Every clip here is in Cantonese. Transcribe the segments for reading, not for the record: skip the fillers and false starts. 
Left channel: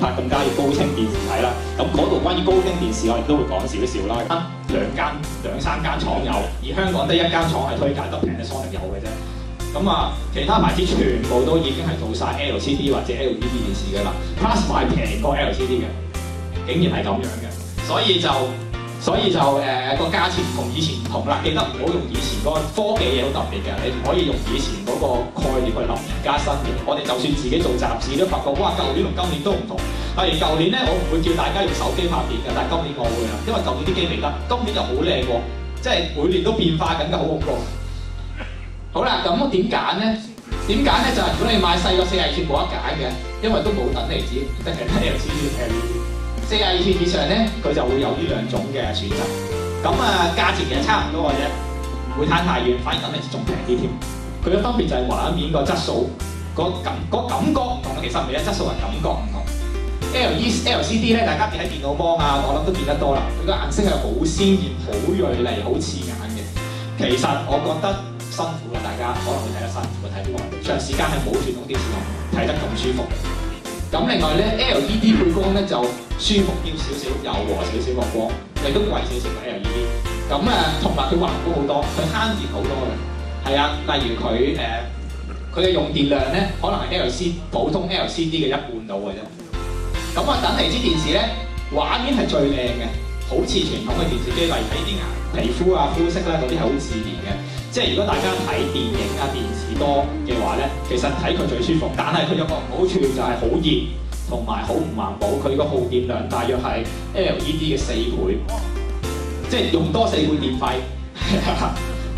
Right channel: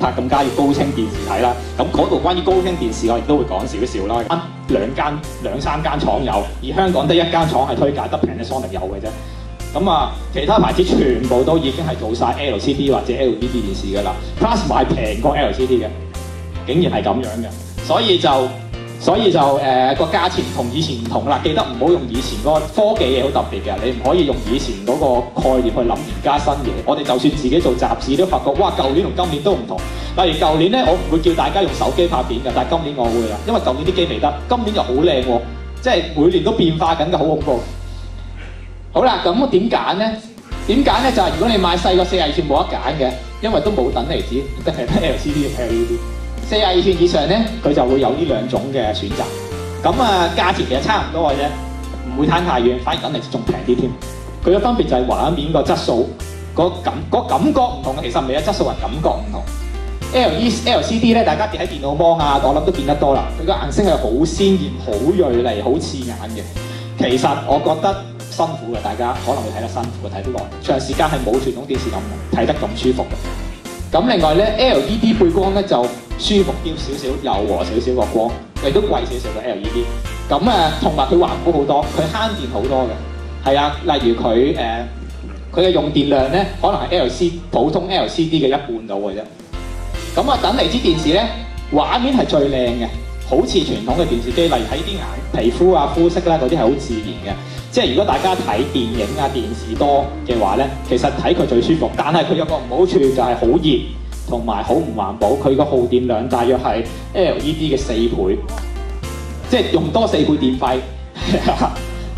拍更加要高清電視睇啦。咁嗰度關於高清電視我亦都會講少少啦。兩三間廠有，而香港得一間廠係推介，得 Panasonic 有嘅啫。咁啊，其他牌子全部都已經係做晒 LCD 或者 LED 電視㗎啦。Plasma 係平過 LCD 嘅，竟然係咁樣嘅，所以就個價錢同以前唔同啦。記得唔好用以前嗰個科技嘢好特別嘅，你唔可以用以前嗰個概念去諗而家新嘢。我哋就算自己做雜誌都發覺，哇！舊年同今年都唔同。例如舊年咧，我唔會叫大家用手機拍片嘅，但係今年我會啦，因為舊年啲機未得，今年就好靚喎，即係每年都變化緊嘅，好恐怖。好啦，咁點揀咧？點揀咧？就係如果你買細個42寸冇得揀嘅，因為都冇等離子，得係 LCD 同 LED。42寸以上咧，佢就會有呢兩種嘅選擇。咁啊，價錢其實差唔多嘅啫，唔會攤太遠，反而等離子仲平啲添。佢嘅分別就係畫面個質素，個感覺唔同嘅，其實唔係啊，質素係感覺唔同。LCD 咧，大家喺電腦芒啊，我諗都見得多啦。佢個顏色係好鮮豔、好銳利、好刺眼嘅。其實我覺得辛苦嘅，大家可能會睇得辛苦嘅，睇得耐，長時間係冇傳統電視咁睇得咁舒服嘅。咁另外咧 ，LED 配光咧就舒服啲少少，柔和少少個光，亦都貴少少嘅 LED。咁同埋佢環保好多，佢慳電好多嘅。係啊，例如佢嘅用電量咧，可能係普通 LCD 嘅一半到嘅啫。咁等離子電視咧，畫面係最靚嘅，好似傳統嘅電視機，例如睇啲皮膚啊、膚色啦嗰啲係好自然嘅。即係如果大家睇電影啊、電視多嘅話咧，其實睇佢最舒服。但係佢有個唔好處就係好熱同埋好唔環保。佢個耗電量大約係 LED 嘅4倍，即係用多4倍電費。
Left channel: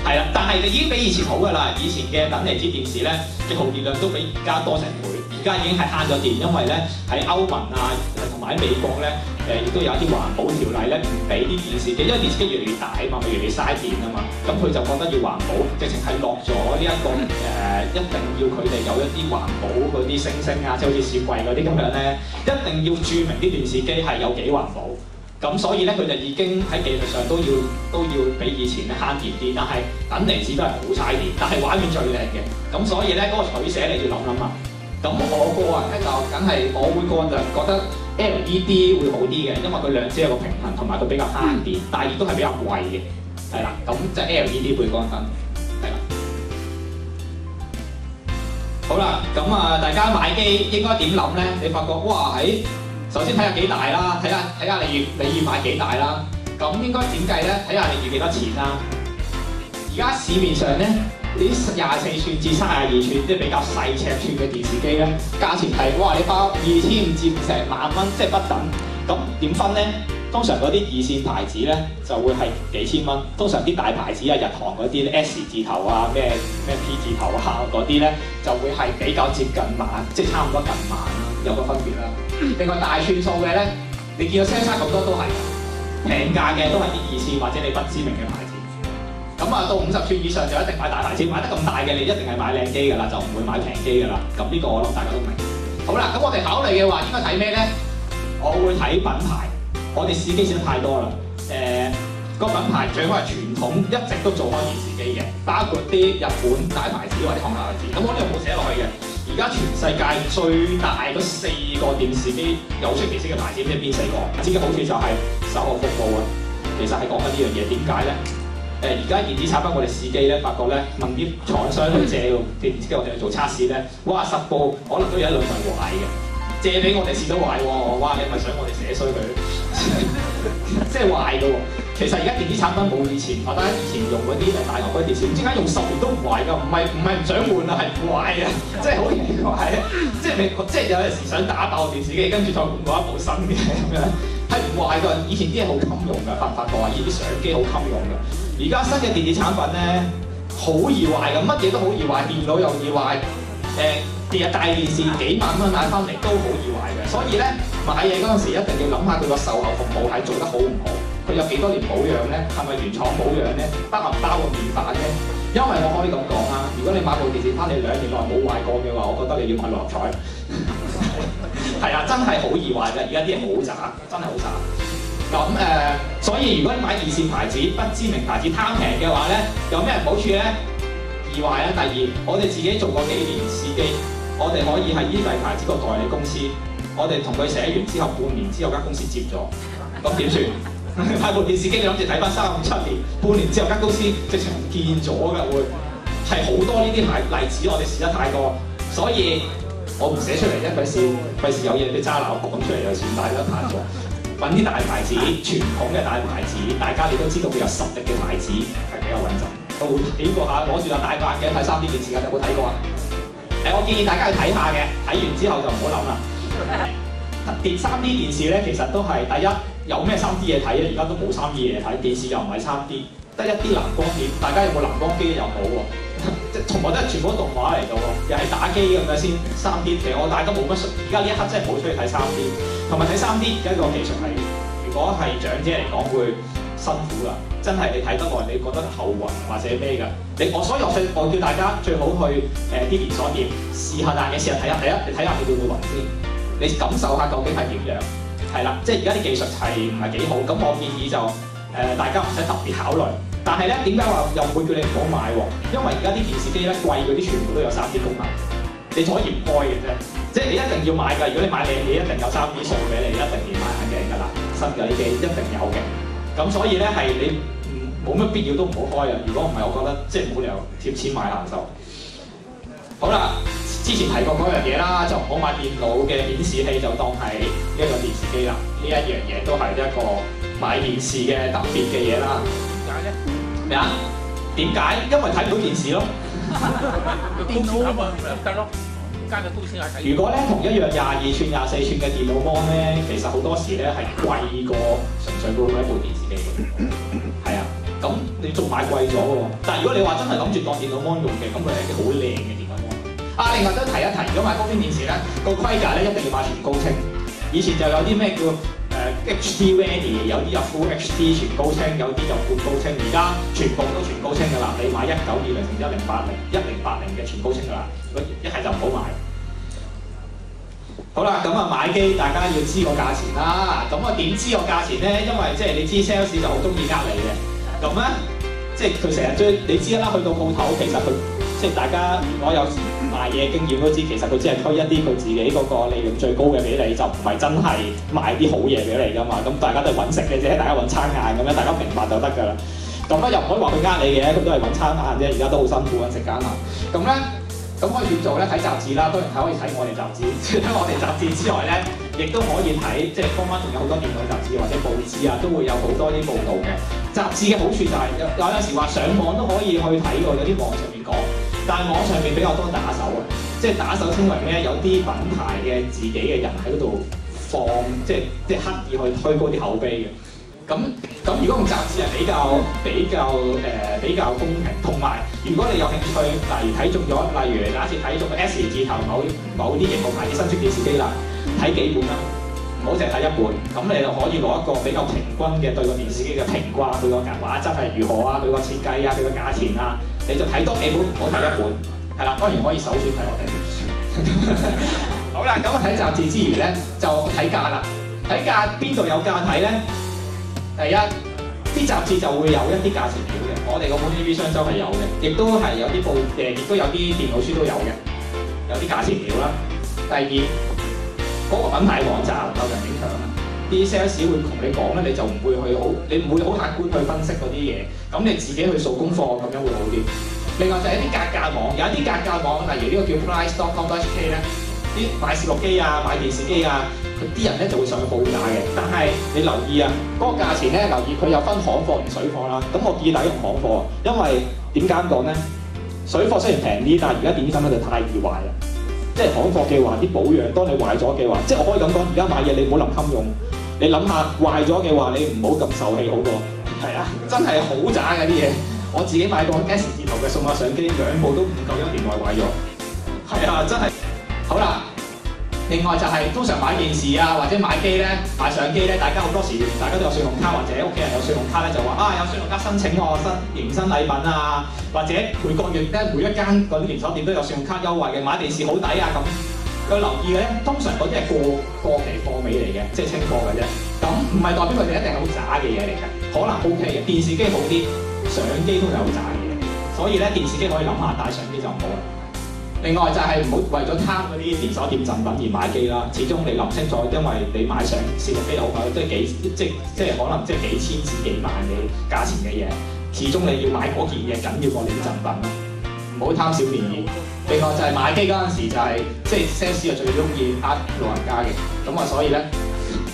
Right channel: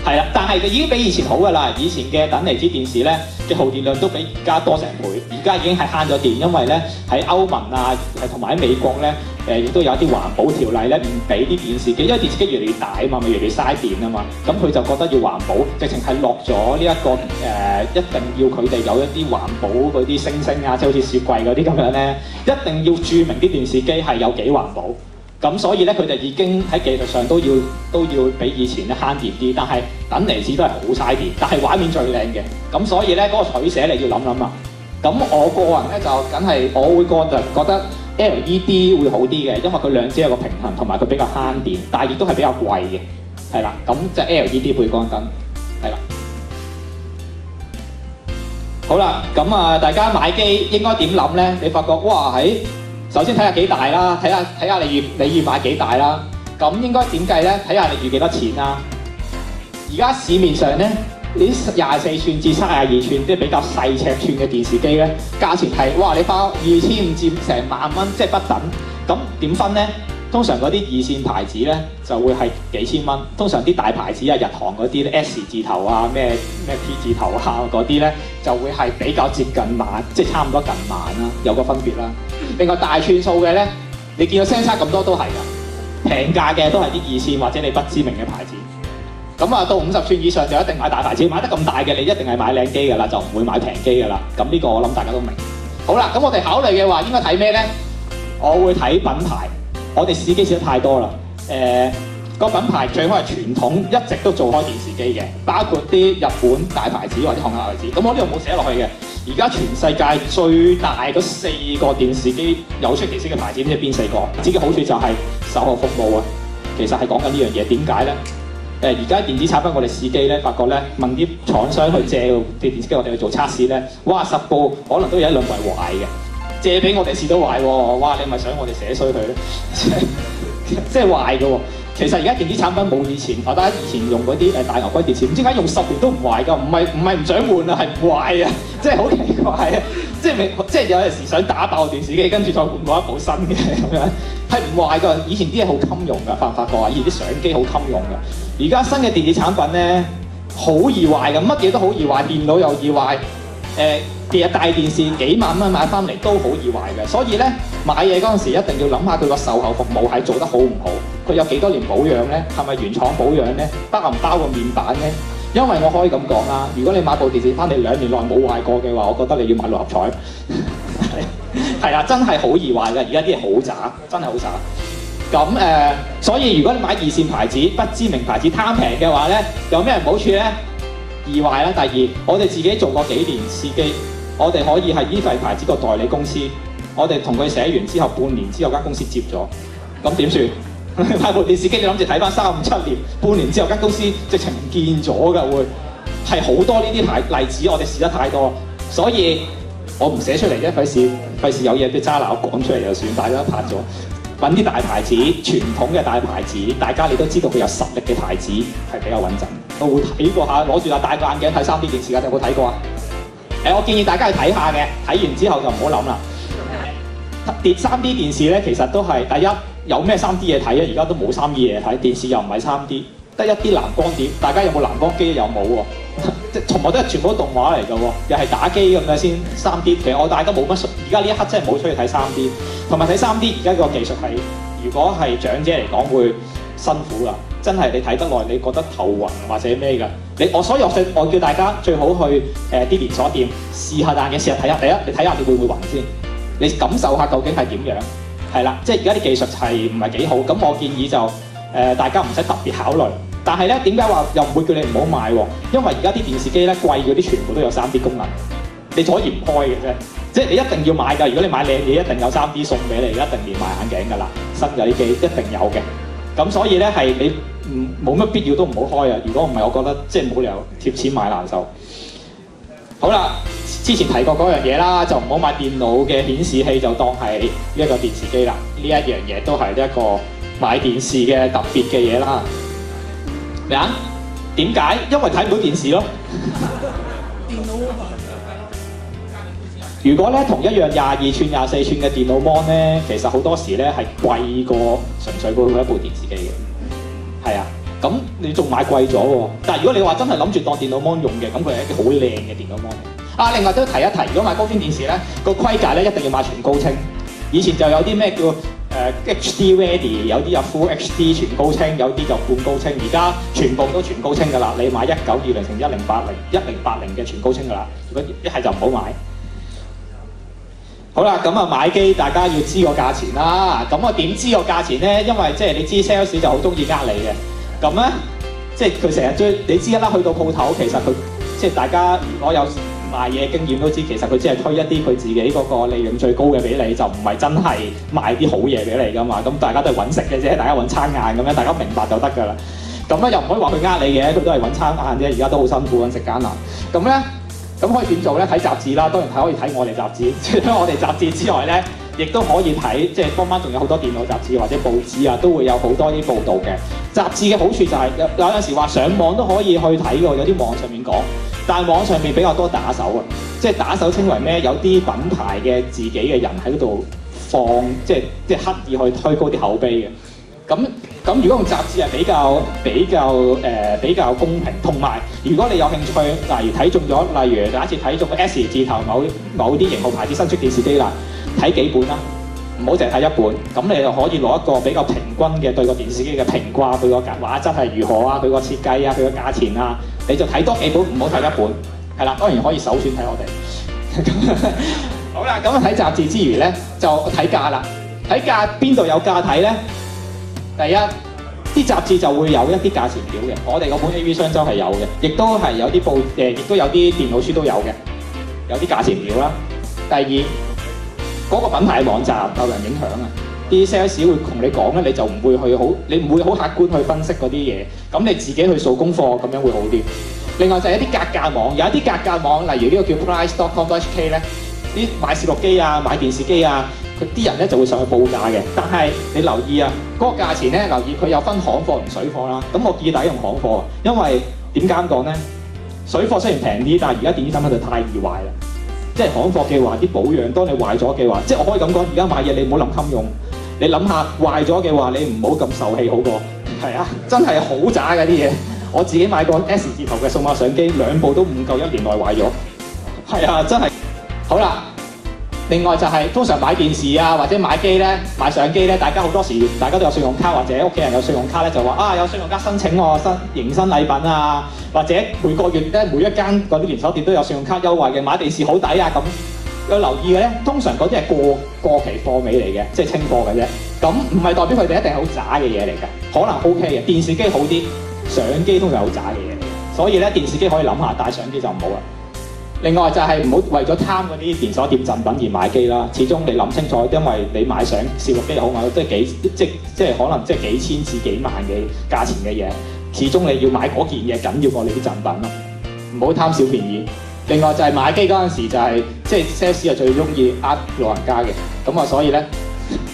係啦，但係就已經比以前好㗎啦。以前嘅等離子電視咧嘅耗電量都比而家多成倍。而家已經係慳咗電，因為咧喺歐盟啊，同埋喺美國咧，亦都有一啲環保條例咧，唔俾啲電視機，因為電視機越嚟越大啊嘛，咪越嚟越嘥電啊嘛。咁佢就覺得要環保，直情係落咗呢一個一定要佢哋有一啲環保嗰啲星星啊，即係好似雪櫃嗰啲咁樣咧，一定要註明啲電視機係有幾環保。咁所以咧，佢哋已經喺技術上都要比以前咧慳電啲，但係等離子都係好嘥電，但係畫面最靚嘅。咁所以咧嗰個取捨你要諗諗啊。咁我個人咧就梗係我會覺得 LED 會好啲嘅，因為佢兩者有個平衡，同埋佢比較慳電，但係亦都係比較貴嘅，係啦。咁就 LED 背光燈，係啦。好啦，咁大家買機應該點諗咧？你發覺哇首先睇下幾大啦，睇下你預買幾大啦。咁應該點計咧？睇下你預幾多錢啦。而家市面上咧，呢啲24寸至32寸，即係比較細尺寸嘅電視機咧，價錢係哇！你花2500至成萬蚊，即係不等。咁點分咧？通常嗰啲2線牌子咧就會係幾千蚊。通常啲大牌子啊、日韓嗰啲咧 S 字頭啊、咩 P 字頭啊嗰啲咧，就會係比較接近萬，即係差唔多近萬啦，有個分別啦。另外大寸數嘅咧，你見到 Samsung 咁多都係㗎，平價嘅都係啲2線或者你不知名嘅牌子。咁到50寸以上就一定買大牌子，買得咁大嘅你一定係買靚機㗎啦，就唔會買平機㗎啦。咁呢個我諗大家都明。好啦，咁我哋考慮嘅話應該睇咩咧？我會睇品牌。我哋試機試得太多啦。個品牌最好係傳統，一直都做開電視機嘅，包括啲日本大牌子或者韓國牌子。咁我呢度冇寫落去嘅。而家全世界最大嗰4個電視機有出奇式嘅牌子，唔知邊4個？自己好處就係售後服務啊。其實係講緊呢樣嘢，點解咧？而家電子產品我哋試機咧，發覺咧問啲廠商去借啲電視機，我哋去做測試咧，哇10部可能都有1兩台壞嘅，借俾我哋試到壞喎，哇！你咪想我哋寫衰佢咧？即係壞嘅喎。其實而家電子產品冇以前，或者以前用嗰啲大牛龜電視，唔知點解用10年都唔壞㗎，唔係唔想換啊，係唔壞啊，即係好奇怪啊！即係有陣時想打爆電視機，跟住再換過一部新嘅咁樣，係唔壞㗎。以前啲嘢好襟用㗎，發唔發覺啊？以前啲相機好襟用㗎。而家新嘅電子產品咧，好易壞㗎，乜嘢都好易壞，電腦又易壞，大電視幾萬蚊買翻嚟都好易壞嘅。所以咧買嘢嗰陣時一定要諗下佢個售後服務係做得好唔好，佢有幾多年保養咧？係咪原廠保養咧？包唔包個面板咧？因為我可以咁講啦，如果你買部電視翻嚟2年內冇壞過嘅話，我覺得你要買6合彩。係啊，真係好易壞㗎，而家啲嘢好渣，真係好渣。咁所以如果你買2線牌子、不知名牌子貪平嘅話咧，有咩好處咧？易壞啦。第二，我哋自己做過幾年試機，我哋可以係依份牌子個代理公司我哋同佢寫完之後，半年之後間公司接咗，咁點算？買部電視機你諗住睇翻3、5、7年，半年之後間公司直情唔見咗㗎會，係好多呢啲例子，我哋試得太多，所以我唔寫出嚟啫，費事有嘢俾渣男講出嚟就算，大家都拍咗。揾啲大牌子，傳統嘅大牌子，大家你都知道佢有實力嘅牌子係比較穩陣。我會睇過下，攞住戴個眼鏡睇3D 電視㗎，你有冇睇過啊？我建議大家去睇下嘅，睇完之後就唔好諗啦。3D 電視咧，其實都係第一有咩3D 嘢睇啊？而家都冇3D 嘢睇，電視又唔係3D，得一啲藍光碟。大家有冇藍光機？又冇喎，即係從來都係全部都動畫嚟㗎喎，又係打機咁樣先3D。其實我大家冇乜，而家呢一刻真係冇出去睇3D，同埋睇3D而家個技術係，如果係長者嚟講會辛苦㗎，真係你睇得耐，你覺得頭暈或者咩㗎？所以我叫大家最好去啲連鎖店試下，但嘅試下睇下。第一，你睇下你會唔會暈先？你感受下究竟係點樣？係啦，即係而家啲技術係唔係幾好？咁我建議就大家唔使特別考慮。但係咧，點解話又唔會叫你唔好買喎？因為而家啲電視機咧貴嗰啲全部都有3D 功能，你可以唔開嘅啫。即係你一定要買㗎。如果你買靚嘢，一定有3D 送俾你，一定連埋眼鏡㗎啦。新嘅啲機一定有嘅。咁所以咧係你冇乜必要都唔好開啊！如果唔係，我覺得即係冇理由貼錢買難受。好啦。之前提過嗰樣嘢啦，就唔好買電腦嘅顯示器，就當係呢一個電視機啦。呢一樣嘢都係一個買電視嘅特別嘅嘢啦。咩啊？點解？因為睇唔到電視咯。如果咧同一樣22寸、24寸嘅電腦 mon 咧，其實好多時咧係貴過純粹嗰一部電視機嘅。係啊，咁你仲買貴咗喎。但係如果你話真係諗住當電腦 mon 用嘅，咁佢係一啲好靚嘅電腦 mon。另外都提一提，如果買高端電視咧，個規格咧一定要買全高清。以前就有啲咩叫HD Ready， 有啲有 Full HD 全高清，有啲就半高清。而家全部都全高清㗎啦，你買1920乘1080嘅全高清㗎啦。如果一係就唔好買。好啦，咁啊買機大家要知個價錢啦。咁我點知個價錢咧？因為即係你知 sales 就好中意呃你嘅。咁咧，即係佢成日追，你知啦。去到鋪頭，其實佢即係大家如果有賣嘢經驗都知，其實佢只係推一啲佢自己嗰個利潤最高嘅俾你，就唔係真係賣啲好嘢俾你㗎嘛。咁大家都係揾食嘅啫，大家揾餐晏咁樣，大家明白就得㗎啦。咁咧又唔可以話佢呃你嘅，佢都係揾餐晏啫。而家都好辛苦揾食艱難。咁咧，咁可以點做咧？睇雜誌啦，當然係可以睇我哋雜誌。除咗我哋雜誌之外咧，亦都可以睇，即係坊間仲有好多電腦雜誌或者報紙啊，都會有好多啲報導嘅。雜誌嘅好處就係有時話上網都可以去睇喎，有啲網上面講。但係網上面比較多打手啊，即係打手稱為咩？有啲品牌嘅自己嘅人喺嗰度放，即係刻意去推高啲口碑嘅。咁如果用雜誌係比較公平，同埋如果你有興趣，例如睇中咗，例如假設睇中個 S 字頭某啲型號牌子新出電視機啦，睇幾本啦，唔好淨係睇一本，咁你就可以攞一個比較平均嘅對個電視機嘅評價，佢個畫質係如何啊，佢個設計啊，佢個價錢啊。你就睇多幾本，唔好睇一本，係啦，當然可以首選睇我哋。好啦，咁睇雜誌之餘咧，就睇價啦。睇價邊度有價睇咧？第一，啲雜誌就會有一啲價錢表嘅，我哋嗰本 AV 商周係有嘅，亦都係有啲亦都有啲電腦書都有嘅，有啲價錢表啦。第二，嗰個品牌嘅網站受人影響啊。啲 sales 會同你講咧，你就唔會好客觀去分析嗰啲嘢，咁你自己去做功課咁樣會好啲。另外就係一啲格價網，有一啲格價網，例如呢個叫 price.com.hk 咧，啲買攝錄機啊、買電視機啊，佢啲人咧就會上去報價嘅。但係你留意啊，嗰個價錢咧，留意佢有分行貨同水貨啦。咁我建議大家用行貨，因為點解咁講咧？水貨雖然平啲，但係而家電子產品就太易壞啦。即係行貨嘅話，啲保養當你壞咗嘅話，即係我可以咁講，而家買嘢你唔好諗襟用。你諗下壞咗嘅話，你唔好咁受氣好過。係啊，真係好渣嘅啲嘢。我自己買過 S 字頭嘅數碼相機，2部都唔夠1年內壞咗。係啊，真係。好啦，另外就係、通常買電視啊或者買機咧、買相機咧，大家好多時大家都有信用卡或者屋企人有信用卡咧，就話有信用卡申請我迎新禮品啊，或者每個月咧每一間嗰啲連鎖店都有信用卡優惠嘅，買電視好抵啊咁。有留意嘅咧，通常嗰啲係過期貨尾嚟嘅，即係清貨嘅啫。咁唔係代表佢哋一定係好渣嘅嘢嚟嘅，可能 OK 嘅。電視機好啲，相機通常係好渣嘅嘢嚟嘅。所以咧，電視機可以諗下，但係相機就唔好啦。另外就係唔好為咗貪嗰啲連鎖店贈品而買機啦。始終你諗清楚，因為你買上攝錄機好買，都係即係可能即係幾千至幾萬嘅價錢嘅嘢。始終你要買嗰件嘢緊要過你啲贈品咯，唔好貪小便宜。另外就係買機嗰陣時就係即係 sales 係最中意呃老人家嘅，咁啊所以咧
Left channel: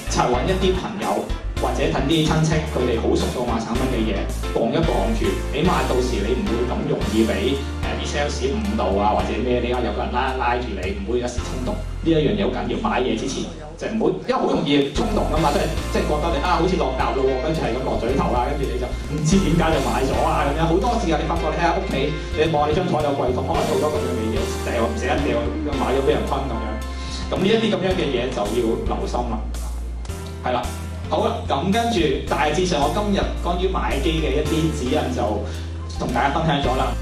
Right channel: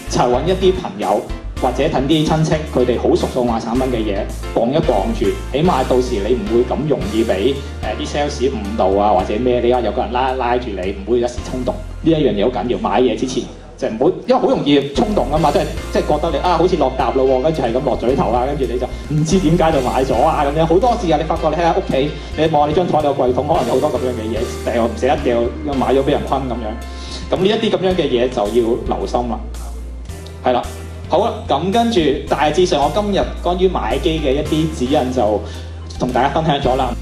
就係揾一啲朋友或者等啲親戚，佢哋好熟數碼產品嘅嘢，磅一磅住，起碼到時你唔會咁容易俾啲 sales 誤導啊或者咩，你有個人拉住你，唔會一時衝動。呢一樣嘢好緊要，買嘢之前就唔好，因為好容易衝動啊嘛，即係覺得你好似落搭咯喎，跟住係咁落嘴頭啊，跟住你就唔知點解就買咗啊咁樣，好多時啊！你發覺你喺屋企，你望下你張台有櫃桶，可能有好多咁樣嘅嘢，唔捨得掉，買咗俾人坤咁樣。咁呢一啲咁樣嘅嘢就要留心啦。係啦，好啦，咁跟住大致上我今日關於買機嘅一啲指引就同大家分享咗啦。